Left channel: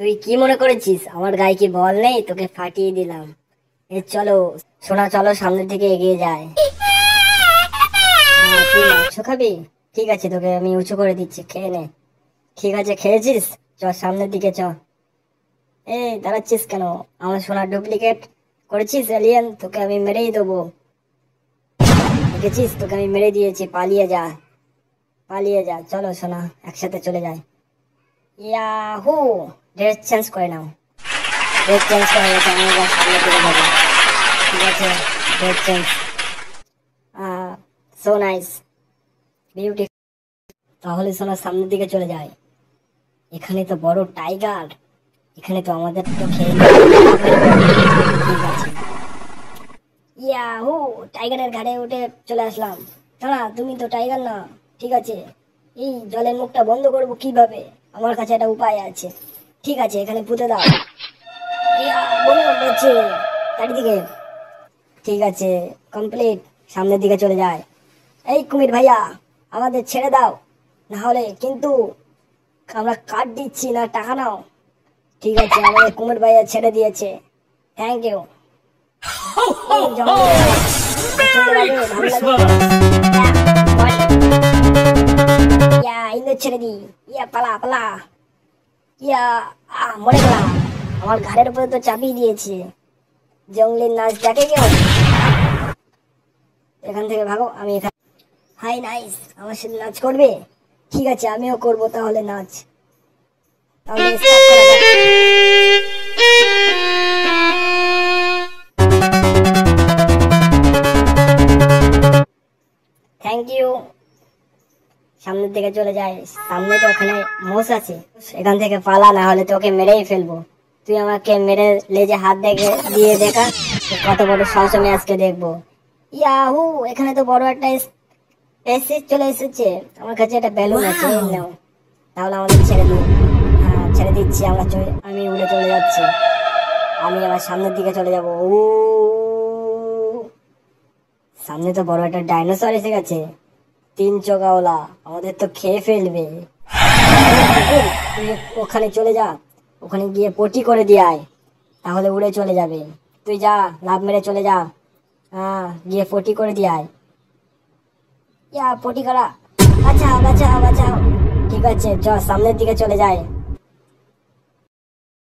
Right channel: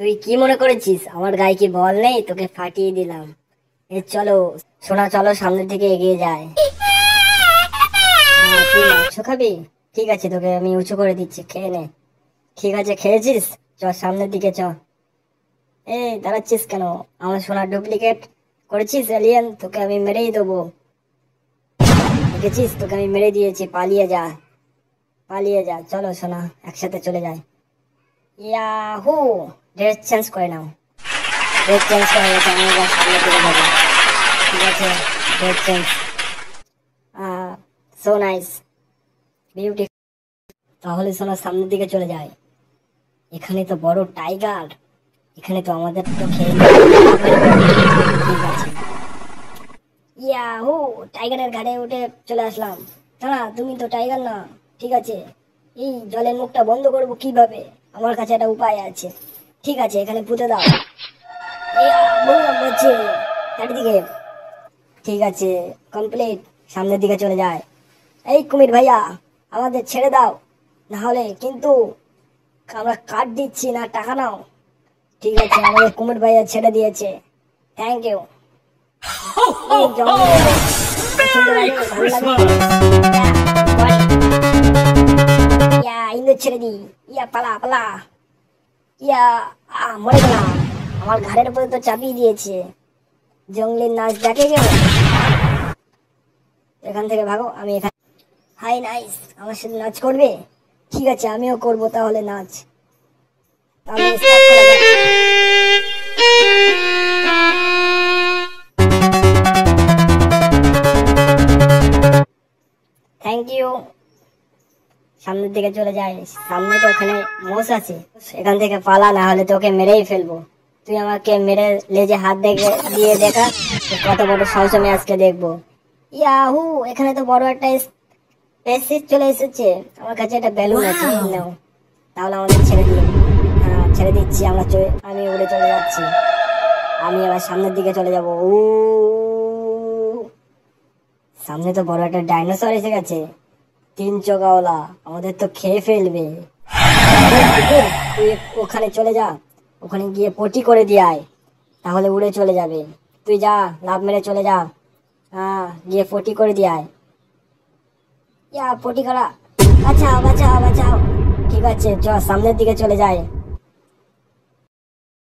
তুই কি মনে করেছিস আমার গায়ে কি বল নেই? তোকে ফাটিয়ে দিলাম। চলো সোনা, চলো সামনের দিকে এগিয়ে যায়। তুই মাংস খাবি? ঠিক আছে, তোকে আমি উঁচু করে দিচ্ছি, খেয়ে নে। ঠিক আছে, খেয়েছিস? চ সামনের দিকে চ। দাঁড়াচ্ছিস কেন? আমার সোনার ডুপ্লিকেট করেছিস এলিয়েন? তোকে আমি মেরেই দেবো। দেখেছিস, তোকে আমি মেরে দিয়েছি। পালিয়ে যা, পালিয়ে যা। চলো সোনা, একসাথে চলে যায়। ইয়াহু! ড্রেস চেঞ্জ করে নাও। ড্রেস চেঞ্জ করে গেছে, আমি এবার সামনে দিকে যাবো। ঠিক আছে, dress change. So nice, beauty. তাহলে সোনা সামনের দিকে চলে যায়। এখানে তো বড় টাইগার, এখানে তো আমাদের তো খেয়ে ঠিক আছে। ইয়াহু! টাইগারের ঘাড়ে উঠে চলে আসলাম। দাঁড়া, তুমি তো টাইগার না। ঠিক আছে, এই জলের মুখটা বন্ধ করবো কিভাবে? আমার কাছে একটা উপায় আছে। ঠিক আছে, এখানে পুঁতে দাও। চারিদিকে। ঠিক আছে, কমপ্লিট। সামনের দিকে চলে যায়। এই কুমির ভাইয়া, আমাদের ছেড়ে দাও, না হলে কিন্তু আমরা কাট দিচ্ছি না, টাকা নাও। ঠিক আছে, আমাদের কুমির ভাইয়া ছেড়ে দিয়েছে, থ্যাংক ইউ। ছেড়ে দি। পালা পালা। মরে গেলাম। আমার ঘাড়ের উপরে তো চাপিয়ে দিয়েছে। জঙ্গলের নাচ দেখে কেউ? এখান থেকে ভাগো। আমি এখানে। হাই নাইস, আমার সাথে নাচ করবে? ঠিক আছে, আমিও করবো তাহলে নাচ। Thank you. সামনের দিকে চলে যায়। সামনে তো ওখানে মোষ আছে, এখান থেকে পালা, না হলে তোকে মেরেই ফেলবো। তুই আমাকে মেরে লেজে হাত দিয়ে দেখা কত বড় সাহস আমি আজকে দেখবো। ইয়াহু! এখানে তো বড় একটা স্পেসশিপ চলে এসেছে। আমার কাছে একটা বেলুন আছে, নাও। তাহলে আমাদের ছেড়ে দিই। হ্যাঁ, ছেড়ে দিচ্ছি। আমি উড়ে চলে যাচ্ছি। আমি আবার সামনের দিকে চলে যাবো। সামনে তো বড় একটা ডাইনোসর এসে গেছে, 3 চোগাওয়ালা। আমাদের তো খেয়ে ফেলবে। তুই ওখানে চলে যা, ওখানে গিয়ে পটি করে দিয়ে আয়, তাহলে উড়ে চলে যাবে। তুই যা, লাফ মেরে চলে যা। হ্যাঁ, গিয়ে পটি করে দিয়ে আয়। পটি করা। বাঁচাও বাঁচাও বাঁচাও। ঠিক আছে, সামনের দিকে চলে যায়।